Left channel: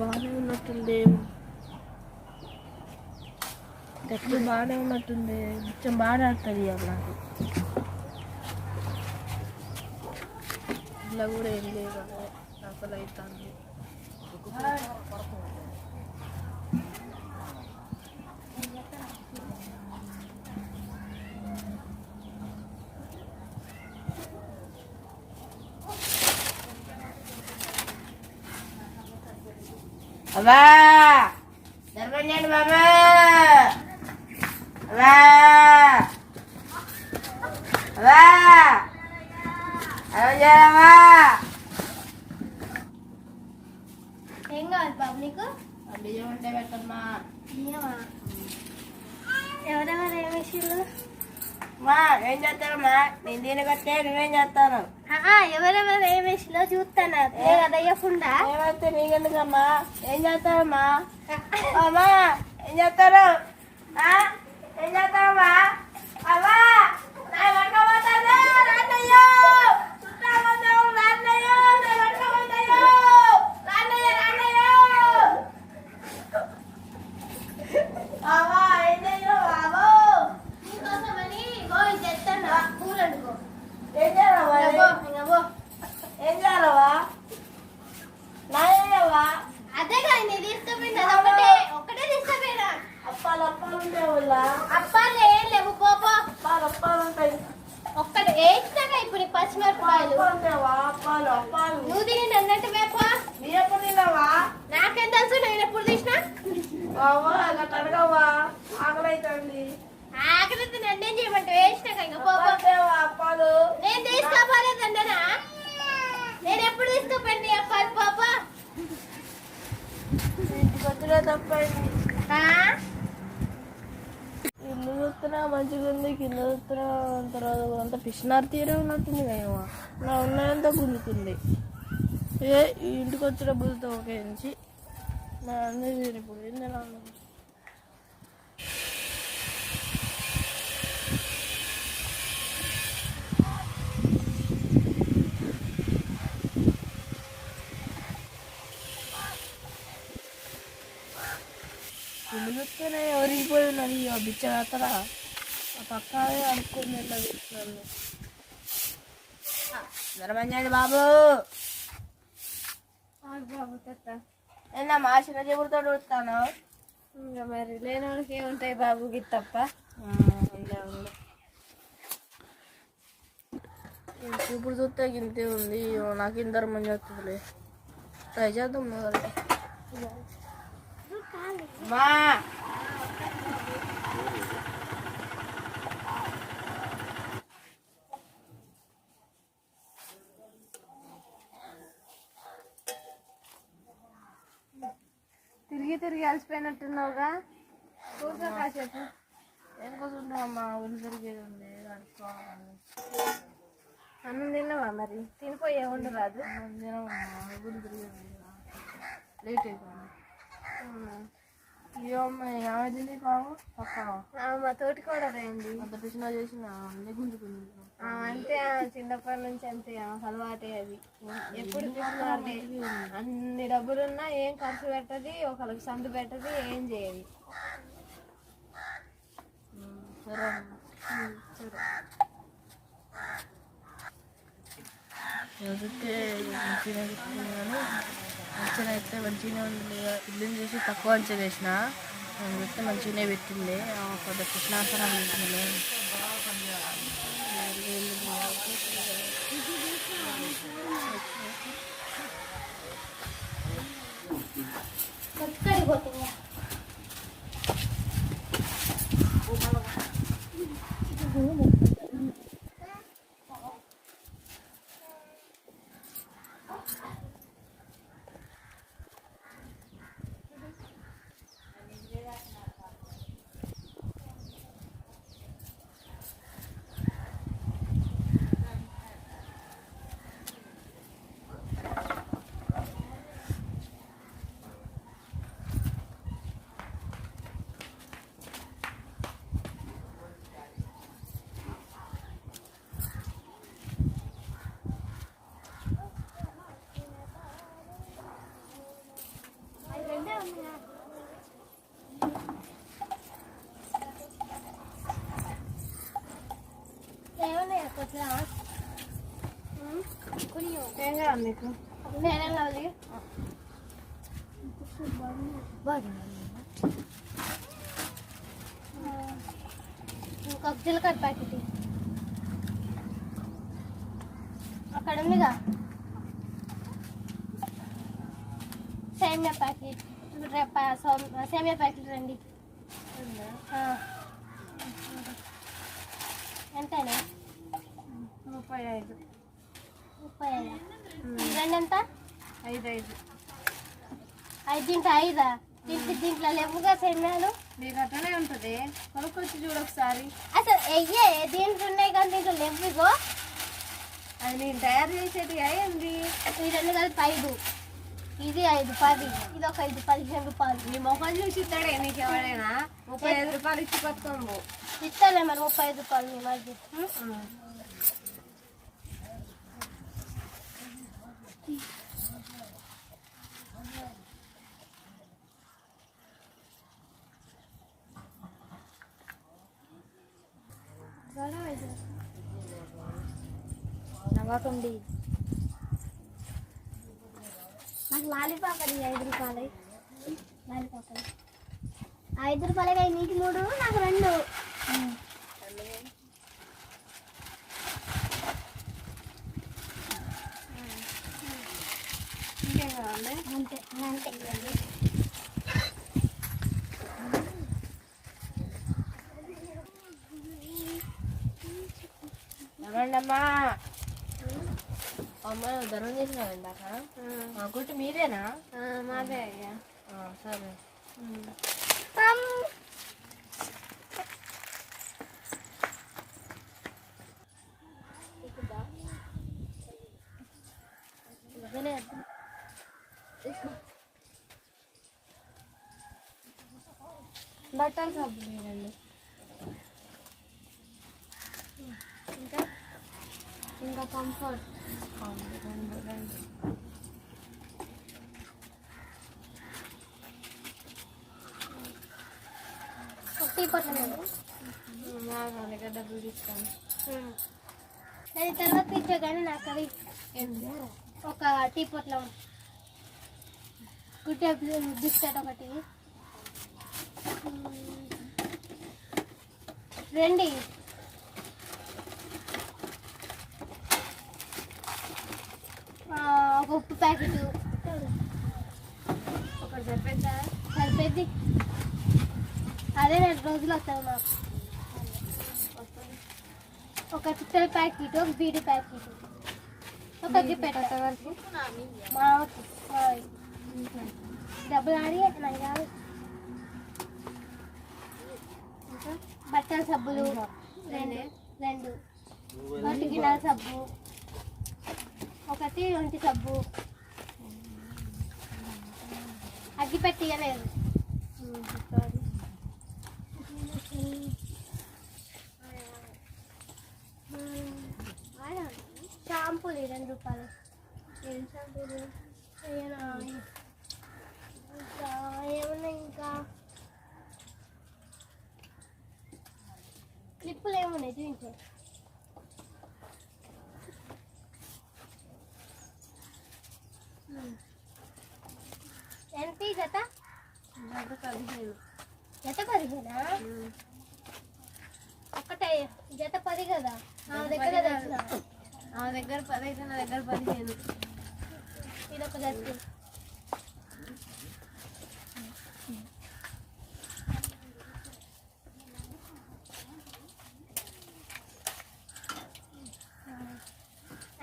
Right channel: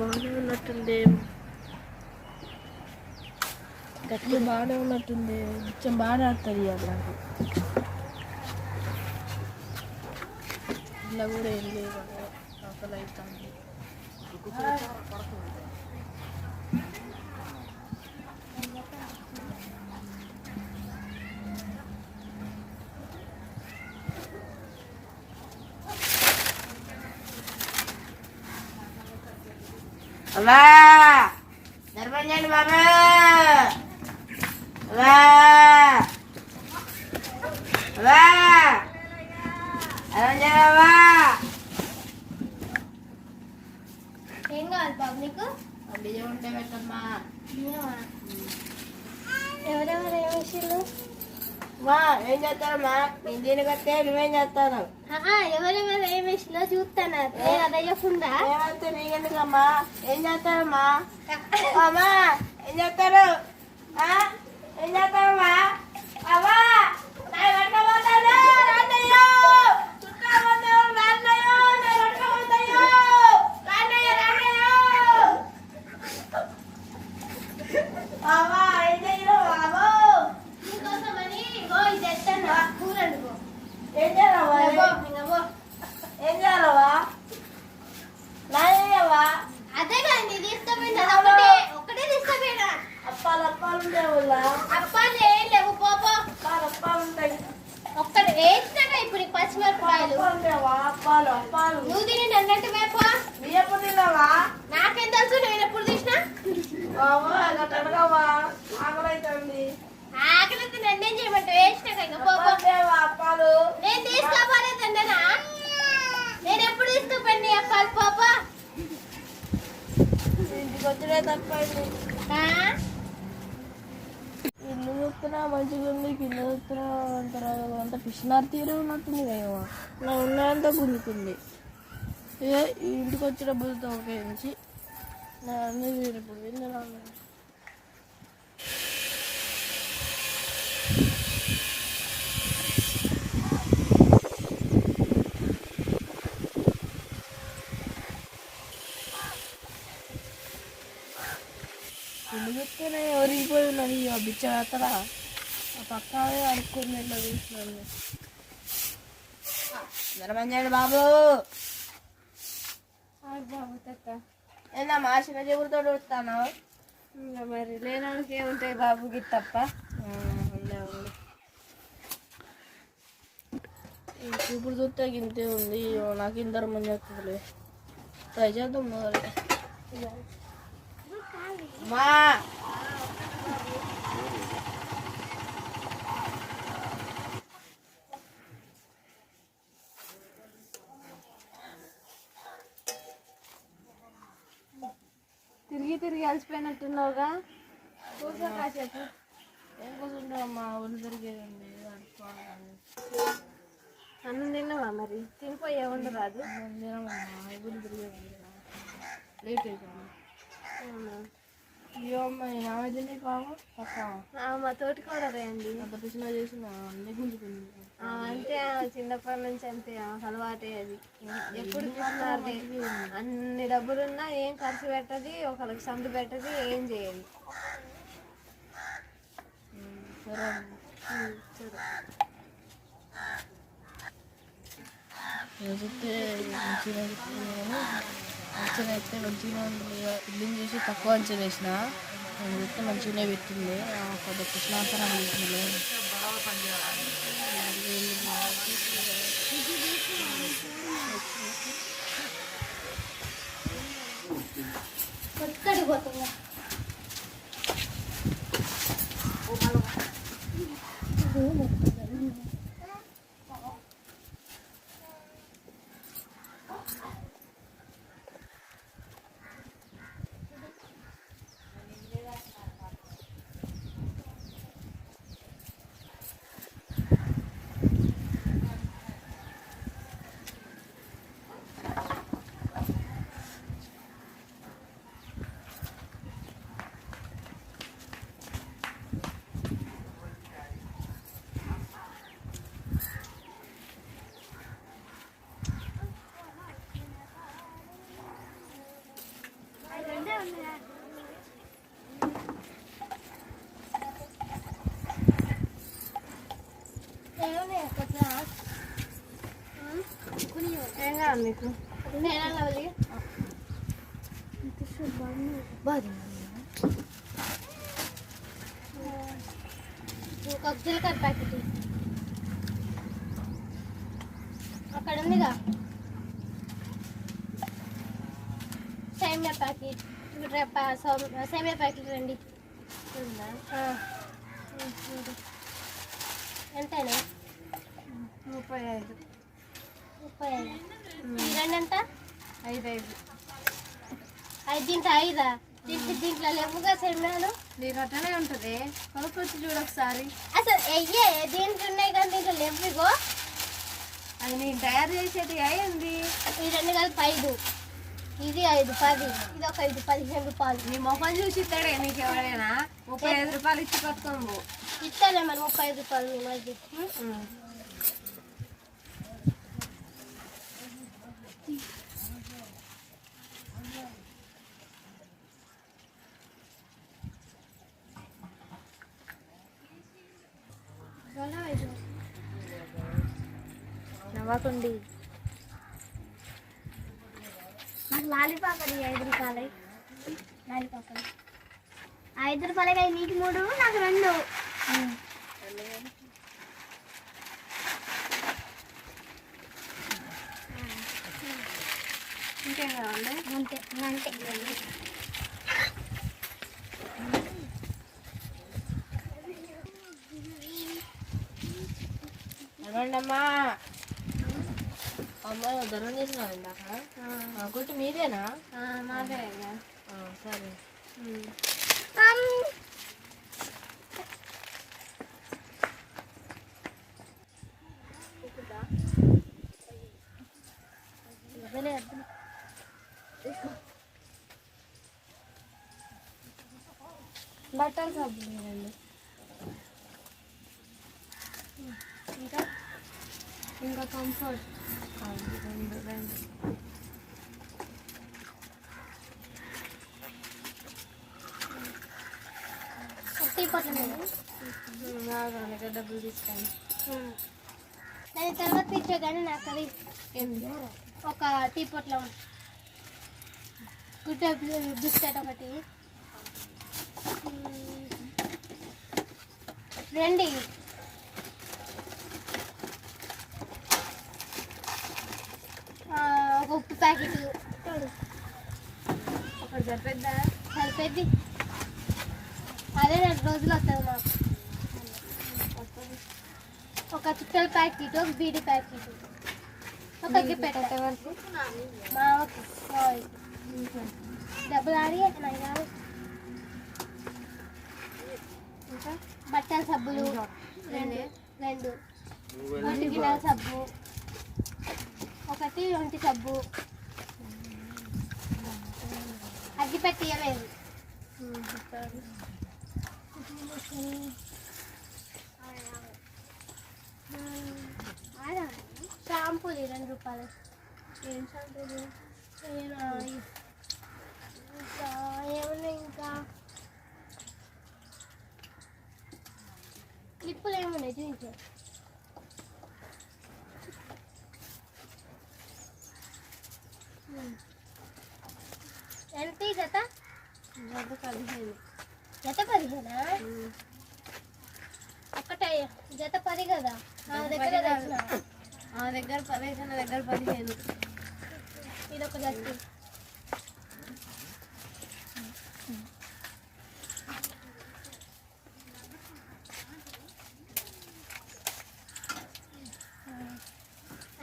బాగానే ఉన్నట్టుంది. గట్టి బాగానే ఉన్నట్టుంది. కొంచెం బాగా ఆడుతుంది ఇవాళ నాకు. ఇలా కూడా ఏం లేవు అసలు అవుతుంది. అమ్మా ధర్మంజండి బాబు, అమ్మా అమ్మా అమ్మా. ఏం కావాలి బాబు నీకు? బియ్యం ఉంటే పెట్టమ్మా. బియ్యమా? ఎవరెవరు ఏ విషయంలో? మా ఏం చేస్తారమ్మా? నేను దీని కట్టే నువ్వేం చేస్తాను? ఎవరెవరు ఏ విషయంలో చూస్తాను అదయ్యకుండా. ఏమైతే నీకెందుకమ్మా? ఏం చేస్తారమ్మా? అమ్మా ఏం చేస్తారు? ఏం చేస్తారమ్మా? అమ్మా అదే కానీ తీసుకుపోయినా ఒక్కటే తీసుకుపోయినా. అప్పాలు ఉంటాయి, అప్పాలు ఏం లేవు పోపో. అప్పాలు ఉంటాయి. ఒక్కటి వేసినాక ఇప్పుడు పచ్చిమిరపకాయలు అప్పాలు నువ్వు తిని అన్నట్టు వేప. మీరు ఎప్పుడు తిన్నావా? నాకేం తెలుసు నేను ఎప్పుడు తీసినా. అడగవా? ఆకలి అవుతుంది. ఆకలితో నన్నేం చేయమంటే వేసినాక ఇంకా పోపో. అప్పాలు నేను తీసుకోపోలేదండనా? నేను ఎప్పుడు తీసుకోపోయింది అప్పాలు పోపో. ఇంటికి వచ్చినా తప్పండి. ఇల్లు చూస్తున్నా మంచిగా ఉంది, కింద చూస్తున్నా తర్వాత అంత పిచ్చినారు తీరే ఉన్నట్టుంది కదా. ఉన్నాయంతా గుంజుకుంది. ఇంటికి వచ్చినప్పుడుతో ఒక ఇంచి నా అన్నీ తీరిపోయి ఏంది ఎలా ఉన్నది. ఇల్లు చూస్తేనే ఎవరికి పోయి ఉన్నది బిచ్చ కాతరా. ఆ పక్క అనుకుని ఎట్లా తీసినాను. ధర్మంజండి బాబు, బాబు తక్క ఏందమ్మా చిన్న చెబుడుతో ఉడుతాను? ఇంకా మరి లేనాడికి ఏముంటాయి బాబుకి తప్ప. ఇప్పుడు చూస్తే ఇంతే ఉంది. నాకు ఇందరు మంది వస్తుందిలే. ట్రై చేద్దాం మొదలు. మా తిరిగి అలసిపోయినట్టున్నావుగా. కూర్చో కాసేపు. ఏం కూర్చుంటావమ్మా? ఒళ్ళు తిరిగేది ఉంది. అన్నం తిన్నావా మరి? తినిపోయే ఉండరాదు. తినమమ్మా, ఒళ్ళు తిరిగేది ఉంది. లేట్ అవుతుంది. అయ్యో అమ్మ ఆమె తినే కావు పక్క మా తోటి కూడా రండి. అంత పిచ్చినా చేసిన అన్నీ గుంజుకుంది. అంతే చిన్నప్పటి నుంచి అంతే అలవాటే అది. ఎప్పుడు చూసినా అన్ని డబ్బులున్నా ఏం ఖర్చు పెట్టది, ఒకరికి సందు పెట్టది, ఏం చేయదు. సరే చూస్తే మంచిగా చెప్తుంది కానీ అంచనా అయితే మంచిగానే ఉంది. ఇల్లుని చూసి తక్కువ అంచనా వేసిన చూస్తే మంచిగానే పెట్టింది. కొంత కృష్ణాసనం చేసింది. పట్టుకడిపోతుందా? ఏం కావాలి నీకు నేనేం కావాలి ఇంకొక జీలకర్ర ప్యాకెట్ అక్కడ ఉందిగా సేమియా ప్యాకెట్ సేమియా ప్యాకెట్ రండి ఎంతైనా 35. 35 రెండు ఎంత 5. దీంట్లో 5 దీంట్లో లేవుగా సేమియాలు నీకు అట్లనే ఉంటుంది కొనుక్కొచ్చి చూడు ఒకసారి. అసలు దీంట్లో ఉన్నాయి కానీ దీంట్లో లేవుగో అది నేను తయారు చేసేది అయ్యింది. ఈ రెండు కలిపి 5 ఇది 5 10 ఇది ఒక 5 15 రూపాయలు నీ మొబైల్ చూసి ఇస్తాడే నీకు ఎవరైనా 35 రూపాయలు ఇచ్చి కట్టుకోము. ఇస్తాలే మరి 35 రూపాయలు నీ మధ్య నవ్వకండి. నాకు లాలీపాప్ అది 5 రూపాయలు లాలీపాప్ 5 రూపాయలకి నీకు 3 నాకు 2 ఇంకేం కావాలి? అంతే అమ్మా అమ్మ గరం చేసినావు ఇందాక గుట్టు మీదేనా? మాదే సరే. బట్టలు సబ్బు లేదండి ఇంకా కంఫర్ట్ టీ పొట్ల డబ్బులు తీసుకోండి. నేను తర్వాత ఇచ్చే కానీ నాకు అది ఒక టీ పొట్ల గుడ్ బిస్కెట్ ఒకటి రండి ఒక ఉప్పు ప్యాకెట్ ఒకటి సరిపోద్దా? సరిపోద్ది అదే 2 రోజులు వస్తుంది మాకు ఒక చుట్టల ప్యాకెట్ ఒక బీడీ ప్యాకెట్ ఒక గిప్పెట్ట మా డబ్బులు ఆడి నాకు కాదు బట్టల సబ్బులు 2 ఒంటి గిన్నెల సబ్బు ఒకటి ఒంటి సబ్బు అగ్గి పెట్టియలేదు షాంపూలు 2 రూపాయలు ఏం షాంపూలు ఏమన్నా ఇంకా క్లిప్పులు ఏమున్నాయి దీంట్లో ఎంత జత 15. జత 15 ఒక్కటే జత 10 కదా నా దగ్గర తెచ్చిన ఆ దగ్గర 10 అయితే నా దగ్గర 15. ఇదొక జత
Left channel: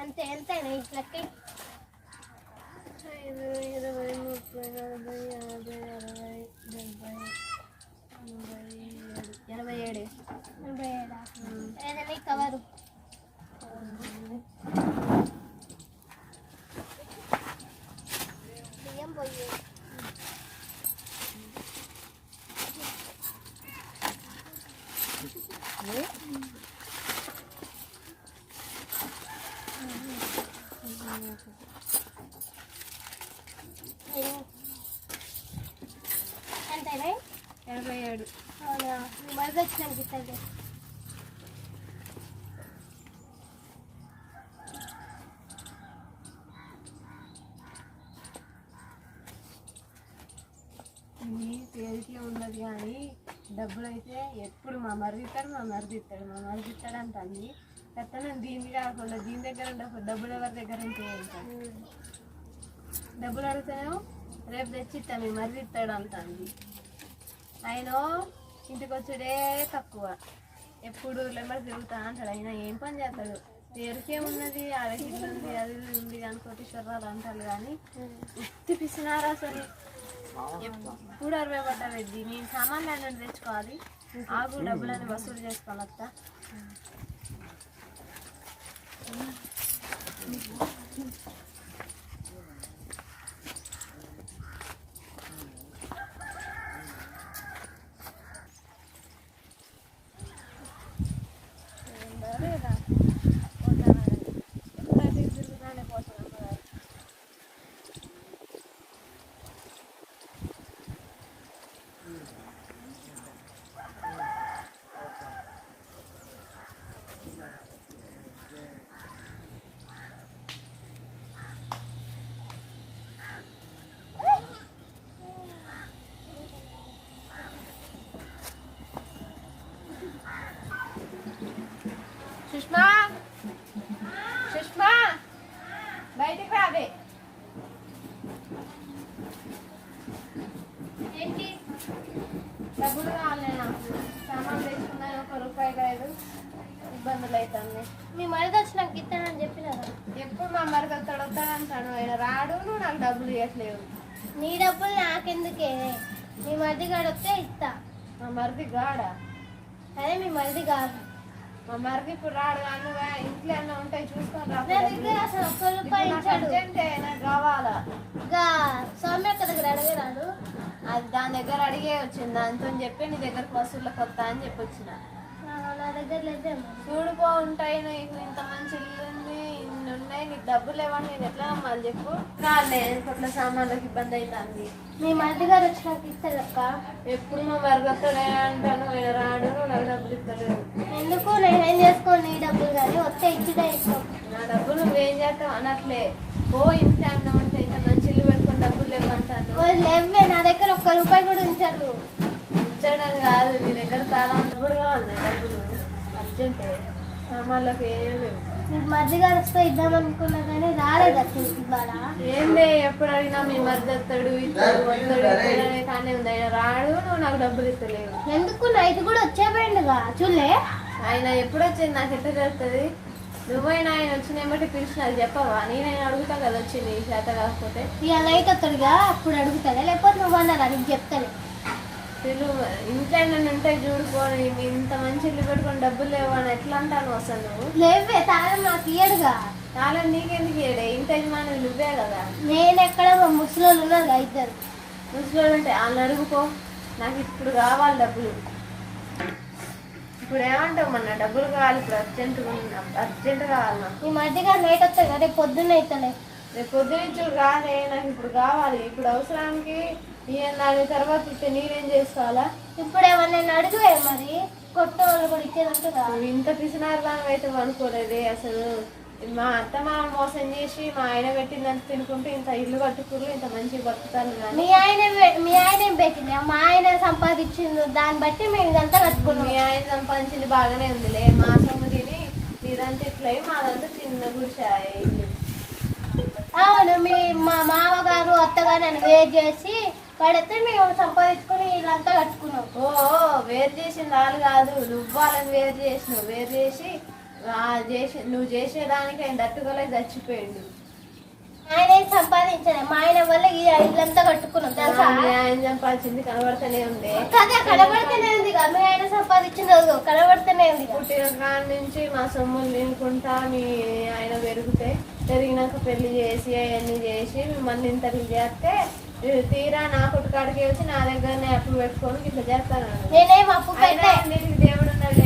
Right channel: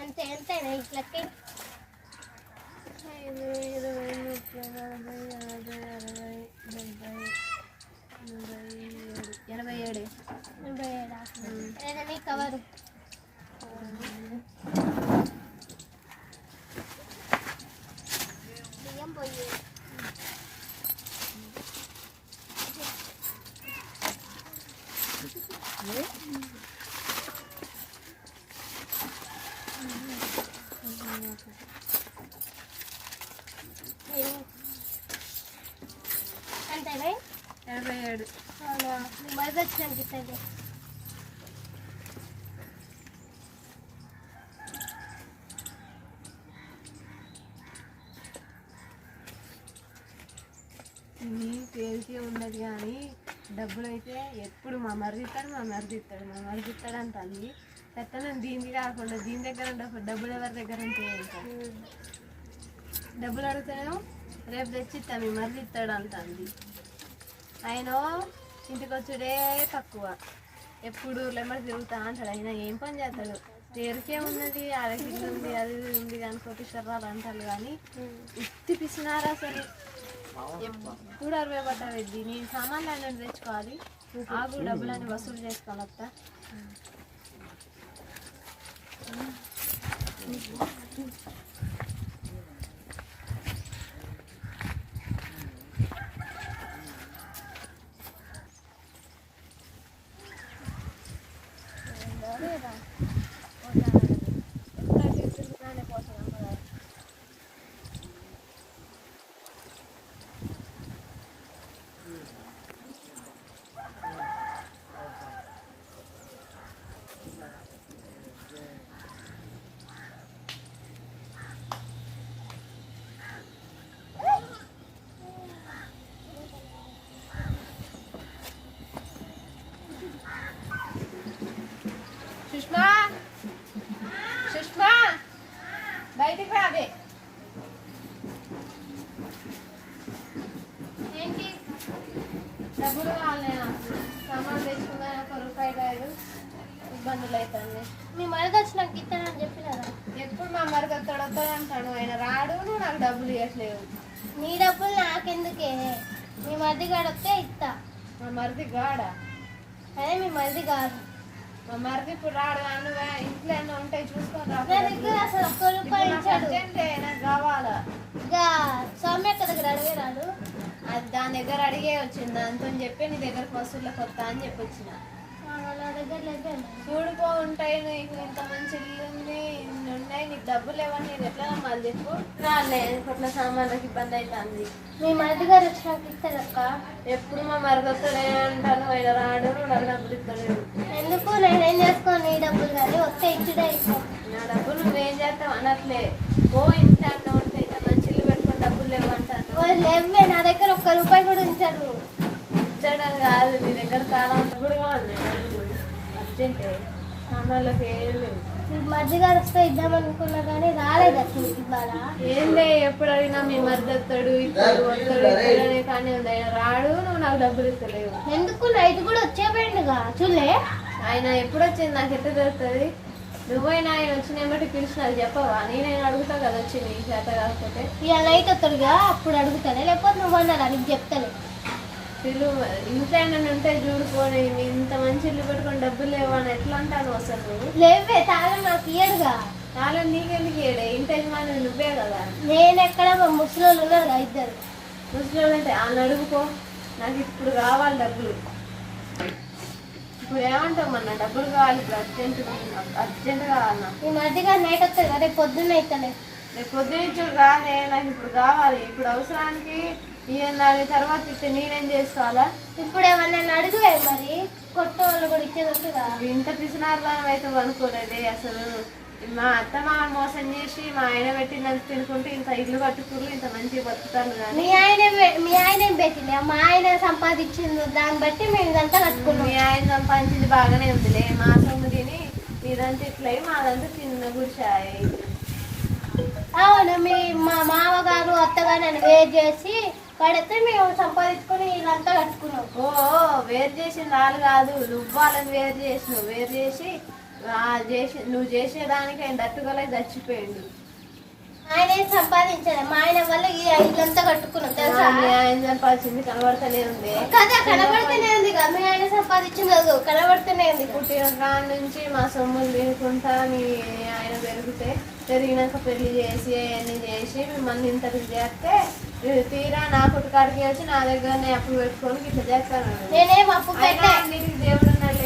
అంతే ఎంతైనా ఇట్లకి 5, 20, 30, 40, 50, 60, 70, 87. ఏదైనా కవరు బియ్యం పోయి అంతేనా 87. అవునా బయట వచ్చినానికి ఇస్తుంది తేలికే ఉండదు కానీ డబ్బులు అయితే ఎప్పుడు మా మరిది ఇస్తాడు అంటుంది. ఎత్తనం దీనికి కాకుండా దీని దగ్గర డబ్బులు ఎవరి దగ్గర ఉంటే ఇంకా డబ్బులు అడుగుతాను రేపు తెచ్చిస్తాను మీ మరిది ఇస్తాడు అంటుంది. ఆయన ఇంటికి వచ్చుడే తక్కువ, ఎప్పుడు లెమ్మడి తిరుగుతా అంటాడు. ఆయన ఏం పని చేస్తాడు, తేరికే ఉన్నది అరకి ఉంది అది ఉంది కానీ కోటీశ్వరాలు అంటారు కానీ ఉత్తి పిసినారా అసలు. ఎప్పుడు 60 పడ్డది. నేను సామాన్లు అన్నీ తెచ్చుకోవాలి, ఆగు డబ్బులని వసూలు చేసుకోవాలి అత్త. ఎప్పుడైతే తిరుగుతానే పోతాను అమ్మగారు. సుష్మా బయటికి రాదే. ఏంటి డబ్బులు కావాలి నాకు, సామాన్ తెచ్చుకుందా ఒక రూపాయి కాదు, ఇబ్బందులు అవుతుంది. మీ మరిది వచ్చి నాకు ఇస్తానని చెప్పినారా? ఎప్పుడు మా మరికి వస్తాడు అంటాను, ఆయన రాడు, నువ్వు నాకు డబ్బులు ఇవ్వట్లేవు. నీ డబ్బులు నాకెందుకే, మీ మరిది గాడు వస్తే ఇస్తా. మా మరిది గాడా? అదే మీ మరిది కాదు. మా మరిది ఇప్పుడు రాడు, అన్నగా ఇంట్లో ఏమన్నా ఉంటాయి చూసుకొని రా. నా దగ్గర అసలు ఒక్క రూపాయి ఇచ్చాడు. నాకు కావాలా? ఇంకా సౌమ్యక్క దగ్గర అడిగేరాడు. అది దాని దగ్గర అడిగే వచ్చింది, దాంతో చెప్పి నీ దగ్గరకు వసూళ్ళకి వస్తా అని చెప్పి వచ్చిన. నా దగ్గర లేదు. చూడుకో ఉంటాయి, నీకు ఇంత మంచి ఇల్లు ఉంది, ఇన్ని ఉన్నాయి, నీకు డబ్బులు ఇవ్వని నేను ఎట్లా నమ్మాలి చెప్పు? రాలే ఇప్పట్లో సామాన్లకు ఇబ్బంది అవుతుంది. మీ మరిది గారు వచ్చి నాకు ఇస్తారక్క. ఎప్పుడు మా మరగొత్తనే అంటాను, ఆయన రాడు, నువ్వు నాకు డబ్బులు ఇస్తలేవు. ఎందుకు నేనేం చేసుకోను, నీ డబ్బులు కానీ వస్తే ఇచ్చిదే ఇస్తాం. నా డబ్బులు నువ్వేం చేస్తావు అనట్లే, ఓ ఇంట్లో అన్న ఉంటే ఇంత మంచి ఇల్లు పెట్టుకొని డబ్బులు లేవంటాను. లేవే, నా దగ్గర ఒక్క రూపాయి కూడా ఉంచారు. ఇచ్చడం కాదు, నీ దగ్గర చాలా డబ్బులుగా ఉన్నాయి, డబ్బులు అర్జెంటే సామాన్లకు ఏం లేవు. మీ మరిది గారు వస్తే ఇద్దామనుకున్నా కానీ రాలేదు అసలు ఇవాళ. ఏందే ఎప్పుడు అడిగినా మీ మధ్య వస్తాడు ఇస్తాడు వస్తాడు కానీ ఉంది, ఆయన రాడు, నువ్వు నాకు డబ్బులు ఇస్తలేవు. ఎందుకు నైట్ కూడా వచ్చేపోయిండుగా చూలే. ఆయన ఎప్పుడు వచ్చింది నాకు ఎట్లా తెలుస్తుంది? నువ్వైనా ఆయన వచ్చిన ఏమిటి పిలిచినారు చెప్పవా? నేనైనా అడుగుతా కదా వచ్చి నీ చేత కాకపోతే. ఇక నైట్ వస్తాడుగా అప్పుడు అడుగుతానే, లేకపోతే నువ్వు అన్నారా నీకు చెప్తానే. పిలు ఇంట్లో ఏమైనా ఉంటే చూడుకొని ఇంత మంచి ఇల్లు పెట్టుకొని డబ్బులు లేవని ఎట్లా అంటాను అసలు నువ్వు? లేవే, తాళం నాకు ఇయ్యడుగా. చాలా నీకెందుకు ఇయ్యడే, ఇంత యజమాని నువ్వే కదా. నేను ఎక్కడ మా ముసలోళ్ళు ఉన్నారు ఇద్దరు. ముసలి అంటే వాళ్ళని అడుగుకో, నాకు ఇప్పుడు కావాలి డబ్బులు. ఇప్పుడు ఏమంటావు, మన డబ్బులు కావాలి, ఇప్పుడు అర్జెంట్ కావాలి నాకు. ఈ మధ్యగా నైట్ వస్తాడు కదా, రేపు పొద్దున్న అవుతానే. రేపు పొద్దున్నుంచుడు రాదే, నాకు ఇప్పుడు కావాలి. ఇప్పుడు అవసరానికి దాని తర్వాత ఇస్తే నేనేం చేసుకోవాలా? ఇప్పుడు ఏమన్నా అడుగువే మరి, కొట్ట వాళ్ళు కూడా ఇచ్చేది ఉంటుందా? ఇంత పిసినారుదానం అయితే అనుకోలేదే అసలు. మా అత్త మా మోసం చేసి మా ఆయన పెట్టిందని తినుకుంటూ ఇంత ఇల్లు కట్టుకుని ఇంత మంచి బతుకుతాను. మీ ఆయన ఏం పెట్టింది? మా ఆయన సంపాదించింది, దాన్ని బట్టి మేము ఇదంతా కట్టుకున్నాం. మీ ఆయన సంపాదించింది బాగానే ఉందిలే, మా సొమ్ము తిని మీరంతా ఇట్లా మాదంతా చిన్న గుడిచాయి. అవును, మా మామగారు అత్తగారు నన్ను వేరు చేసి పడితే మేము సంపాదించుకొని ఇదంతా కట్టుకున్నాం. ఓ వేరు చేసింది వాళ్ళు కాదు, నువ్వు వాళ్ళని వేరు చేసినావు. వేరు చేసి నువ్వు చేసేదానికి ఆయన దట్టుకోలేక చచ్చిపోయింది. ఆయన ఏం సంపాదించాడు, మా ఆయన వల్ల ఈ ఇల్లంతా కట్టుకున్నాం తెలుసా. ఆయన సంపాదించింది కనబడుతూనే ఉంది కదా, కనబడుతూనే ఉంది కదా. మీ ఆయన సంపాదించింది కనబడుతూనే ఉంది. పుట్టిన కాడ నుంచి మా సొమ్ములు తినుకుంటా మీ ఆయన పెరిగినాక పెళ్లి చేసి అవన్నీ చేసి మిమ్మల్ని ఇంతకు చేస్తే తీరా నా పుట్టుకాడికి వచ్చి నా దగ్గరనే అప్పుడు పెట్టుకొని ఇట్లా చేస్తాను. నేనేం అప్పు పెట్టే, నీకు దేవుడు ఉన్నాడు,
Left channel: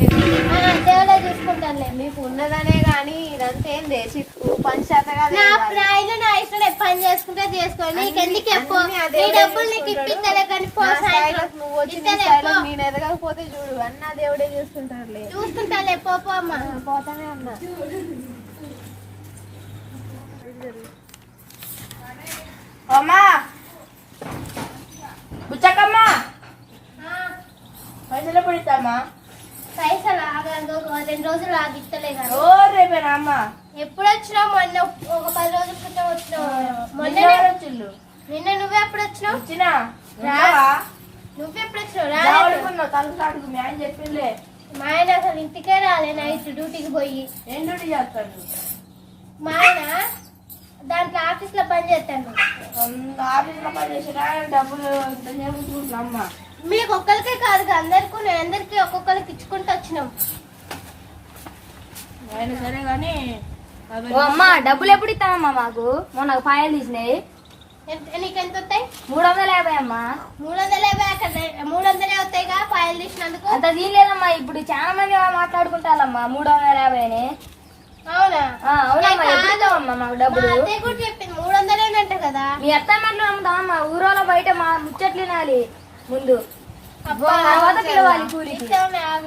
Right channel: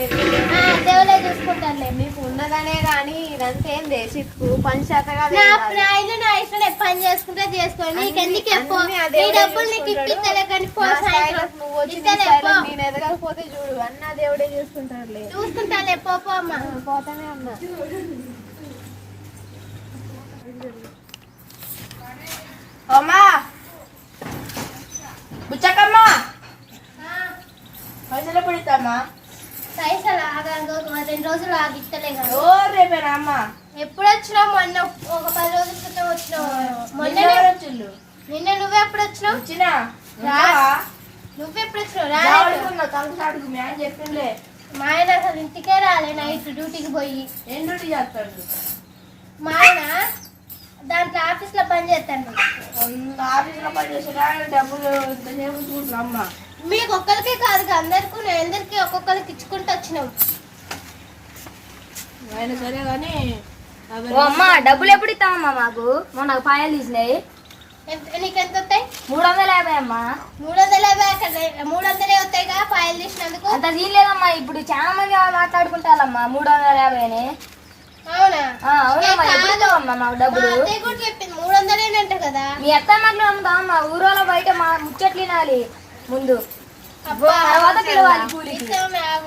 దేవుడే చూసుకుంటానులే. నీకు ఉన్నదనే కానీ ఇదంతా ఏం చేసి పంచాయతగా నా ప్రాయంలో నా ఇష్టం పని చేసుకుంటే చేసుకో, నీకెందుకు ఎప్పుడు నీ డబ్బులు నీకు ఇప్పిస్తలే కానీ నువ్వు వచ్చి నేను ఎదగకపోతే చూడు అన్న దేవుడే చూసుకుంటాడులే. చూసుకుంటానులే, పోపో అమ్మ. పోతానే అన్నా. అమ్మా బుచ్చకమ్మా రేపే కదా ఓ రేపేనా అమ్మ? ఎప్పుడు వచ్చినావు? మొన్న ఒక 10 రోజుల క్రితం వచ్చినావు. నిన్న ఎవరు వచ్చిండ్రు? నిన్న నువ్వే ఎప్పుడు వచ్చినావు? వచ్చినా నువ్వెప్పుడు వచ్చినావు? తలుపు సాటుకు మీ ఆయన చెప్పిండే. మా ఆయన అసలు ఇంటికే రాలే, నైట్ డ్యూటీకి పోయి. ఏం డ్యూటీ చేస్తాడు? మా ఆయన దాంట్లో ఆఫీస్లో పని చేస్తాడు. ఆఫీసులో పని చేసేదా? డబ్బులు ఇంత చేయించుకుంటున్నా అమ్మ. మీకు ఒక్కరికే కాదు, అందరికి ఒక్కొక్కరికి ఇచ్చుకుంటూ వచ్చినాం. ఆయన సరే కానీ అమ్మ డబ్బులు ఎప్పుడు ఇస్తామమ్మా? మాకు మొన్న పాయలు తీసినాయి. నీకెంత వస్తాయి? 350 అమ్మా. 350 అక్కడ 300 వస్తాయిగా పాయలు తీసినందుకు. అంత తీయలేదమ్మా, ఇప్పుడు చాలా మంది మాట్లాడుకుంటారమ్మా 350 అని. అవునా? అవునమ్మా, ఎప్పుడు ఇస్తామమ్మా మాకు డబ్బులు? అత్తయ్య కూడా చెప్పింది 300 అంట కదా. మీ అత్త మాటలు అమ్ముతామమ్మా, ఊరోళ్ళ బయట మా ముచ్చట్లు వినాలి ముందు, తర్వాత పిలవాలి కూలికి.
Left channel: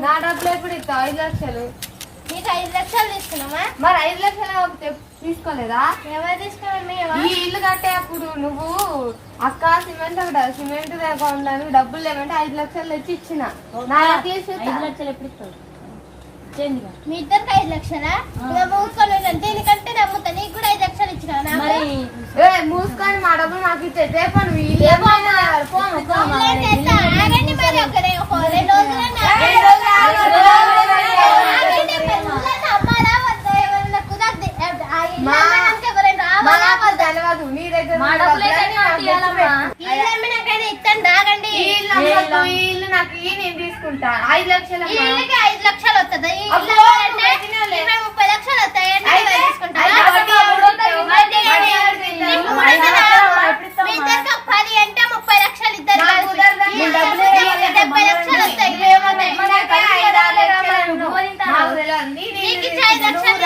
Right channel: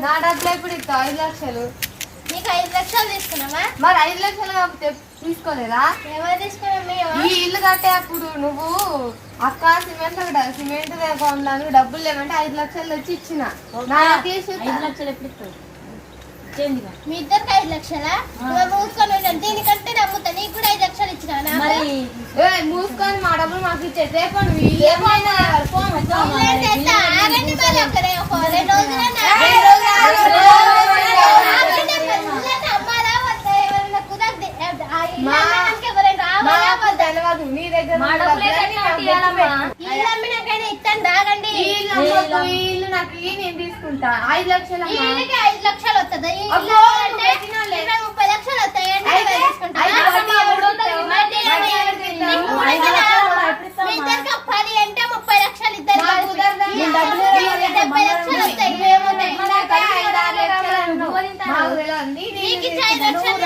నా డబ్బులు ఎప్పుడు ఇస్తావు? 5 లక్షలు. నీకు 5 లక్షలు తీసుకున్నావా? మరి 5 లక్షలు తీసుకోలేదా? ఎవరు తీసుకున్నా? ఈ ఇల్లు కట్టే అప్పుడు నువ్వు అక్క సిమెంట్ కొనడానికి డబ్బులు లేవంటే 5 లక్షలు తెచ్చి ఇచ్చిన. 5 లక్షలు ఎప్పుడు ఇస్తావు? మీ ఇద్దరికి 5 లక్షలా? మూసుకొని దీనికంటే నమ్ముతా. నీకు కూడా 5 లక్షలు ఇచ్చిన. మూసుకొని మా డబ్బులు మాకు ఇచ్చే రేపు నువ్వు ఆగండి మరి, ఒక 2 రోజులు తెలియదు నీ దగ్గర ఇస్తాను. రాగండి. ఇల్లు నాకు నేను తీసుకుంటా. 5 లక్షలు 5 లక్షలు వస్తుంది. 30 లక్షలు వస్తాయండి. మీ ఇద్దరికి 10 అంటే 30 లక్షలు ఇద్దరు 70 లక్షలు వస్తాయి. నీకు 5 లక్షలు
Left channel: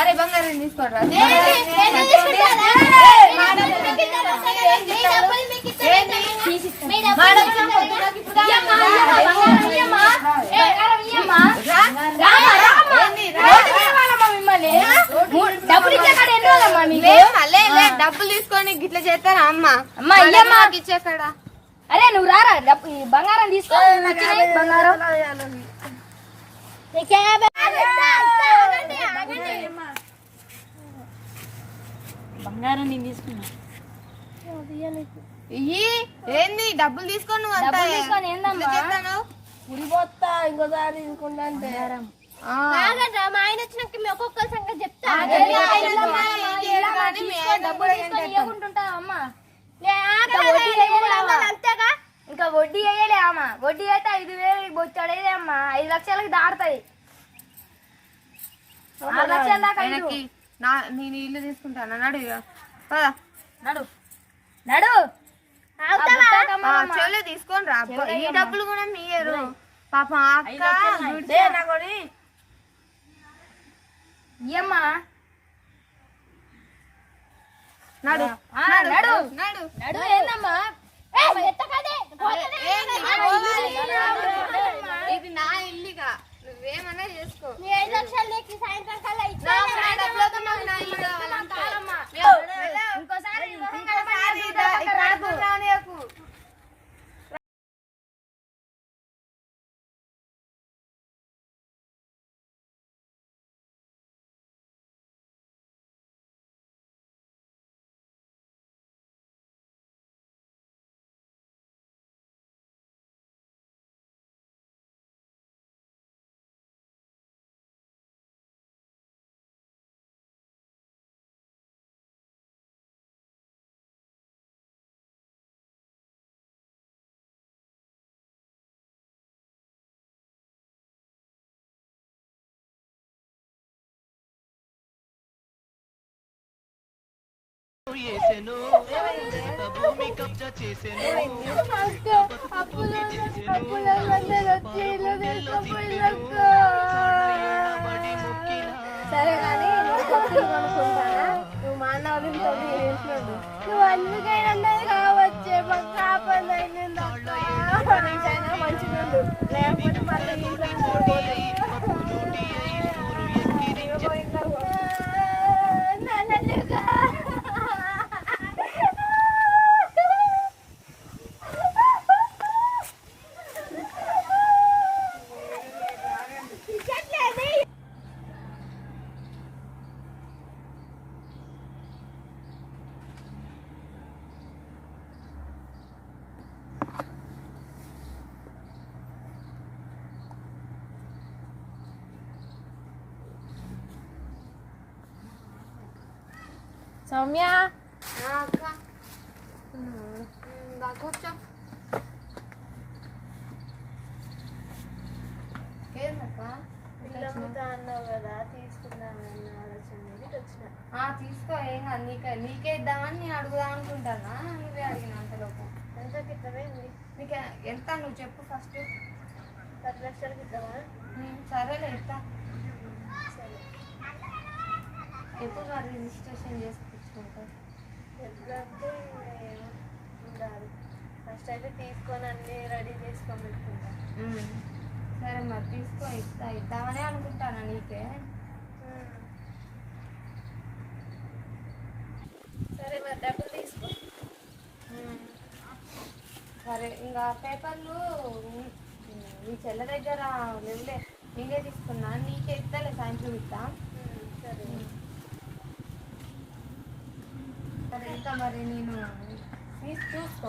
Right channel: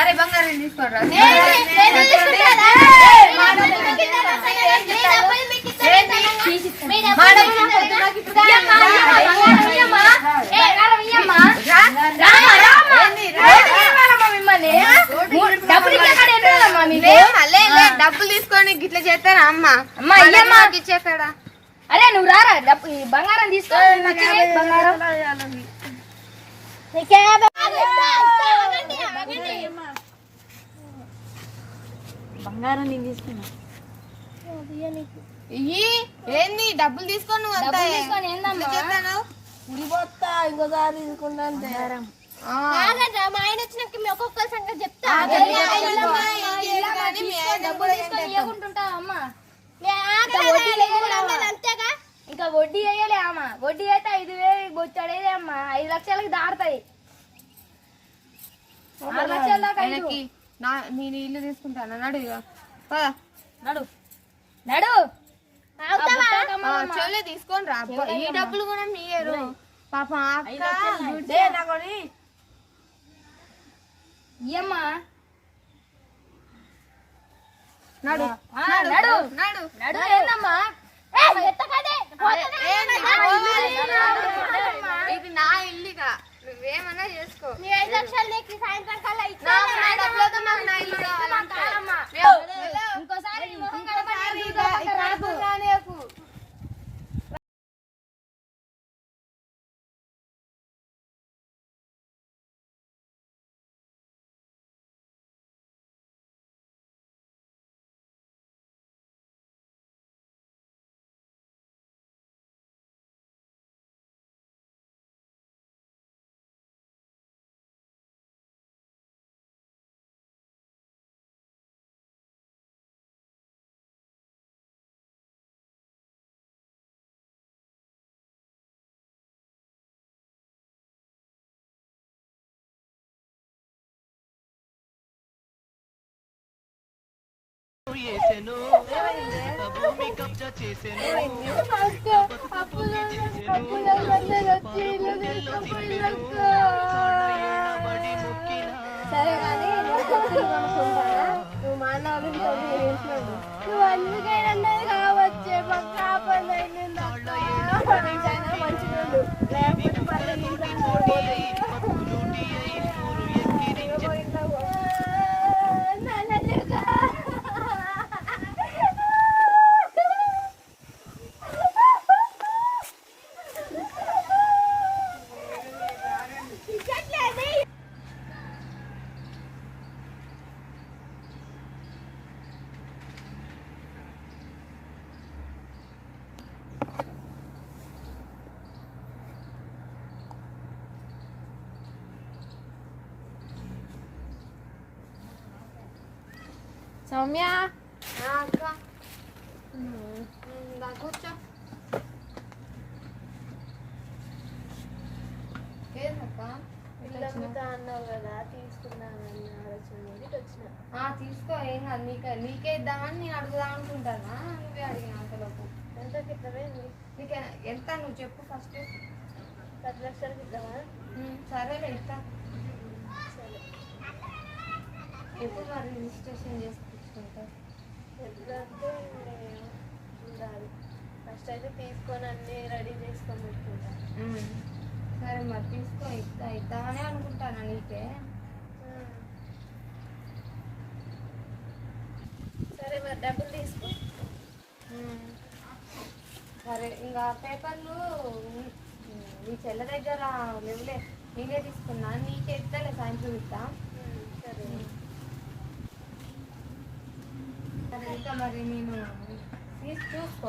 అరే బంగారం తీసుకోరా. డబ్బులు తీసుకొని గిట్లా చేస్తారా అమ్మ? ఇచ్చేక్కడ. అరే నువ్వు రారా, బంగారం తీసుకో. బంగారం బంగారం నేను తీసుకున్నా. ఏంది డబ్బులు తీసుకొని ఉడిపోతా ఇంకోసారి తీసుకుంటా అంటే. మా ఆయన వచ్చినాక మీ ఒక్కొక్కరి సంగతి చెప్తా. అంతేగా. ఇంకా వడ్డీ వేయలే అమ్మ. వడ్డీ అయితే 5,000 బొచ్చాడేదే అమ్మ. 5 లక్షలకి దాడతాయి. 6 లక్షల దాకా నేను ఇల్లు తీసుకుంటాను. నడు నడు నడు చెల్లె తీసుకొని రా. ఈ డబ్బులు కూడా మీయరు పాపం. ఇయ్యమ్మా. నడు నడు నడు నడు. ఏందమ్మా ఇది నా ఇల్లుగా, నువ్వేమన్నా చేసుకో. 5 లక్షలు నీకు సాయంత్రం కల్లా భూమి కబ్జా చేసెను. సరే కానీ నువ్వు మా అన్న నువ్వు అందుకైనా కావచ్చే మాకు కాపాడు మంచిగా లేకపోతే సౌమ్య అక్క కూర్చో ఏందక్క ఇల్లు అమ్ముతా అన్నావు కదా తీసుకుందామన్న ఆలోచన మీద ఇటు వచ్చిన. తీసుకో ఏం కాదు నీకే ఇద్దామని నేను అడుగుదాం అనుకుంటానా నువ్వే అడిగిన అంతలోపు ఎంతకి ఇద్దామేంది? నీకు ఎంత నువ్వు చెప్పు ఫస్ట్ 10 లక్షలకి ఇద్దామా? సరేలే ఇస్తా సరే. ఎప్పుడు మరి రిజిస్ట్రేషన్ చేసుకుంటావు ఎప్పుడంటే ఏమో చూడాలి. ఫస్ట్ అయితే తీసుకొని అన్నీ రెడీ చేసుకొని పెట్టుకుంటా. సరే మరి తీసుకో ఇద్దామనే అనుకుంటానా నీకే సరే మరి డబ్బులు తీసుకో. సరే ఇంకా పేపర్లు నీ చెల్ల దగ్గర లేవులే నేనే తీసుకున్నా నీకే ఇస్తాలే సాయంత్రం ఇస్తా సరే. సరే ఇంకా మరి నేను తీసి చూసుకో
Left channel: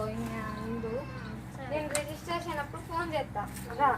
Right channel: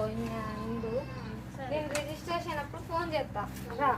ముందు నేను రిజిస్ట్రేషన్ అప్పుడు ఫోన్ చేస్తా రా